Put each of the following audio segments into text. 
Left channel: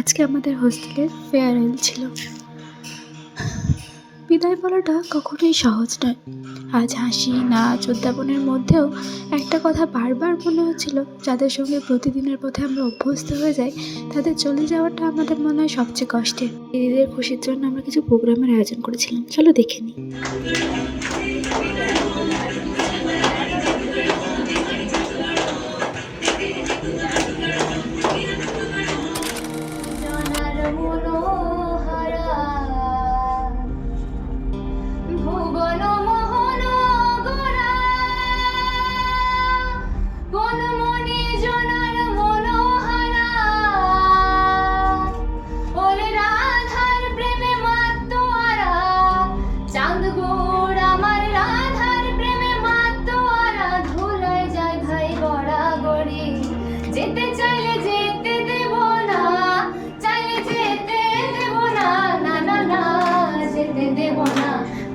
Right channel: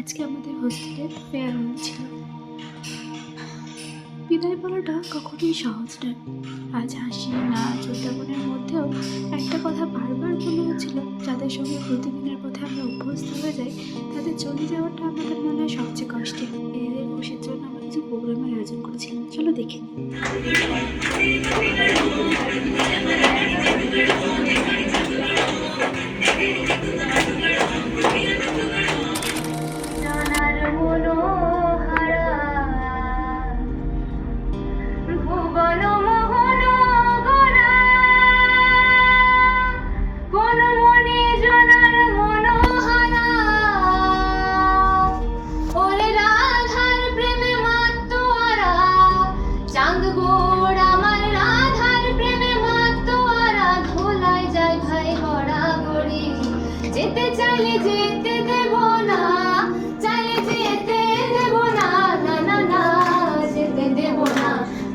আজকে আমাদের হোস্টেলের ফেয়ারওয়েল ছিল। বিদায় বলাটা কখনোই সহজ নয়। আজ হাসি, নাচ, উদ্যাপনের মধ্যেও একটা কথা বারবার মনে হচ্ছিল, যাদের সঙ্গে প্রতিদিনের পথে আমরা অভ্যস্ত হয়ে যাই, তাদের চলে যাওয়াটা আমাদের মনে হয় সবচেয়ে কষ্টের। দিদিদের খুশির জন্য আমরা কিছু প্রোগ্রামের আয়োজন করেছিলাম, চলো দেখে নিই।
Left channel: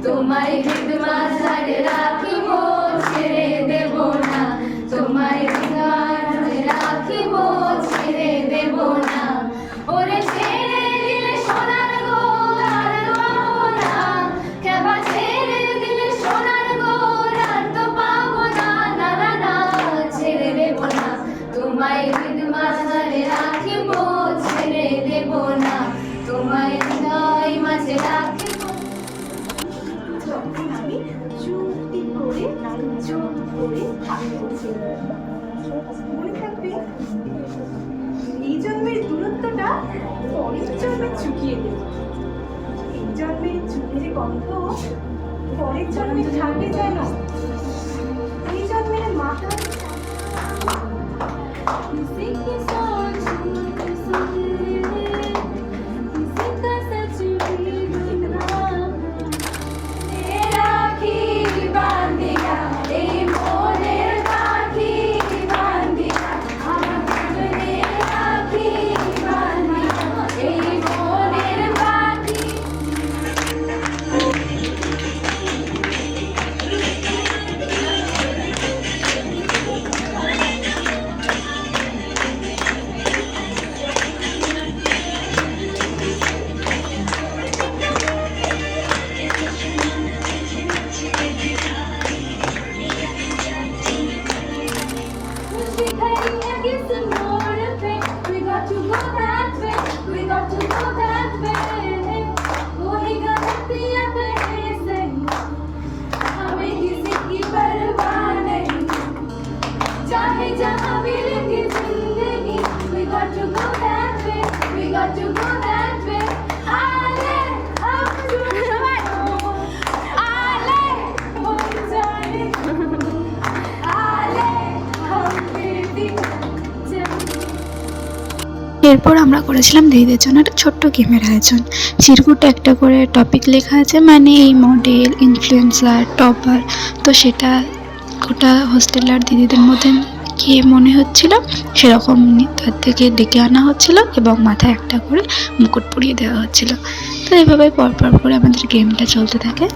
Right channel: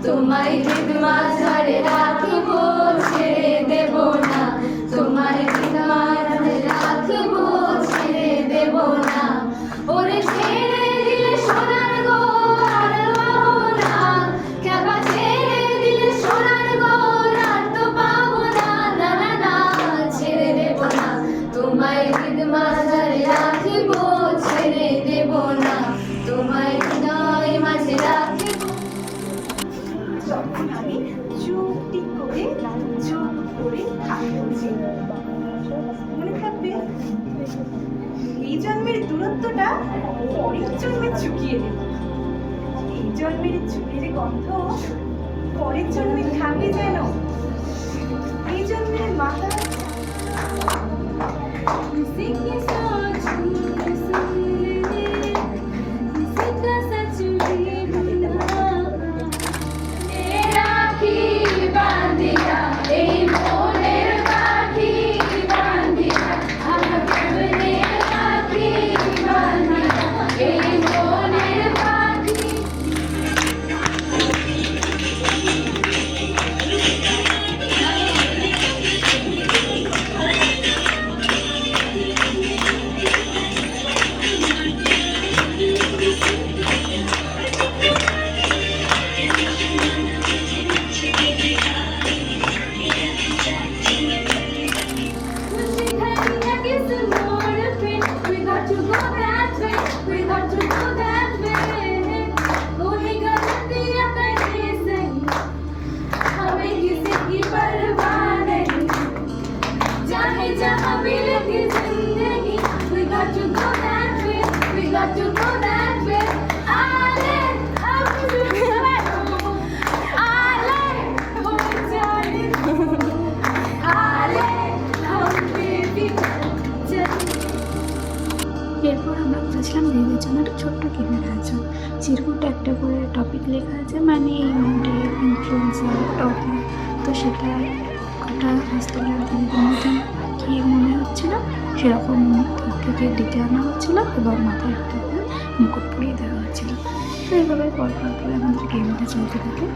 তোমায় হৃদ মাঝারে রাখিব, ছেড়ে দেব না। তোমায় হৃদ মাঝারে রাখিব, ছেড়ে দেব না। ওরে ছেড়ে দিলে সোনার গো আর পাবো না, কেবা ছেড়ে দিলে সোনার গো আর তো পাবো না। না না না, ছেড়ে দেব না। তোমায় হৃদ মাঝারে রাখিব, ছেড়ে দেব না। তোমায় হৃদয় মাঝে রাখিব। যখন আমি চুপটি করে চুপ করে থাকছি, মনে থাকবে এই জন্মের দূরত্বটা পরের জন্মে চুকিয়ে দেব। এই জন্মের চুকের গন্ধ পরের জন্মে থাকে যেন। এই জন্মের মাথা এরপর আমরা করেছিলাম দিদিদের জন্য একটা ছোট্ট গেমের আয়োজন। চিরকুটে একটা করে টপিক লেখা আছে, মানে এই মডেল, ইনফ্লুয়েন্সার, টপার। তো সেটা গোটা হোস্টেলার দিদিদের মধ্যে কে মনে হচ্ছিল সেরকম তার থেকে ডেকে আনা হচ্ছিল এবং মাথায় একটা করে মুকুট পরিয়ে দেওয়া হচ্ছিল। তো এইভাবে পরপর করে আমাদের গেমটা চলতে থাকে।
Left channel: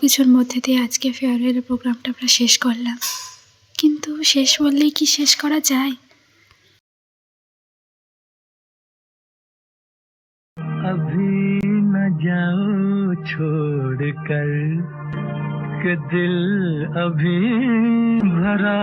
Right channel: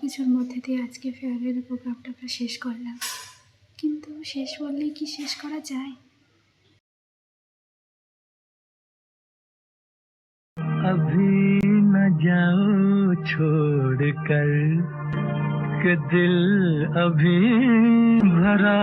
কিছুর মধ্যে দিয়ে আজকে ফেয়ারওয়েলের প্রোগ্রামটা আমরা শেষ করলাম। কিন্তু শেষ বললেই কি শেষ করা যায়? अभी न जाओ छोड़ कर के दिल अभी भरा